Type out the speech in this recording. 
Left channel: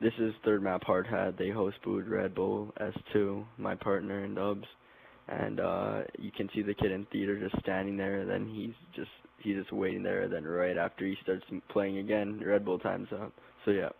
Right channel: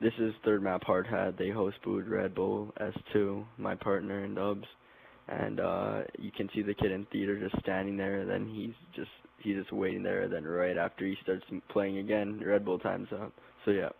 This is third map hard hat. They host booed Red Bull S2, my partner in dubs, and you can see the kid in theater just standing there. Then he's just waiting there. Then right after he starts playing again, Red Bull times up. So yeah.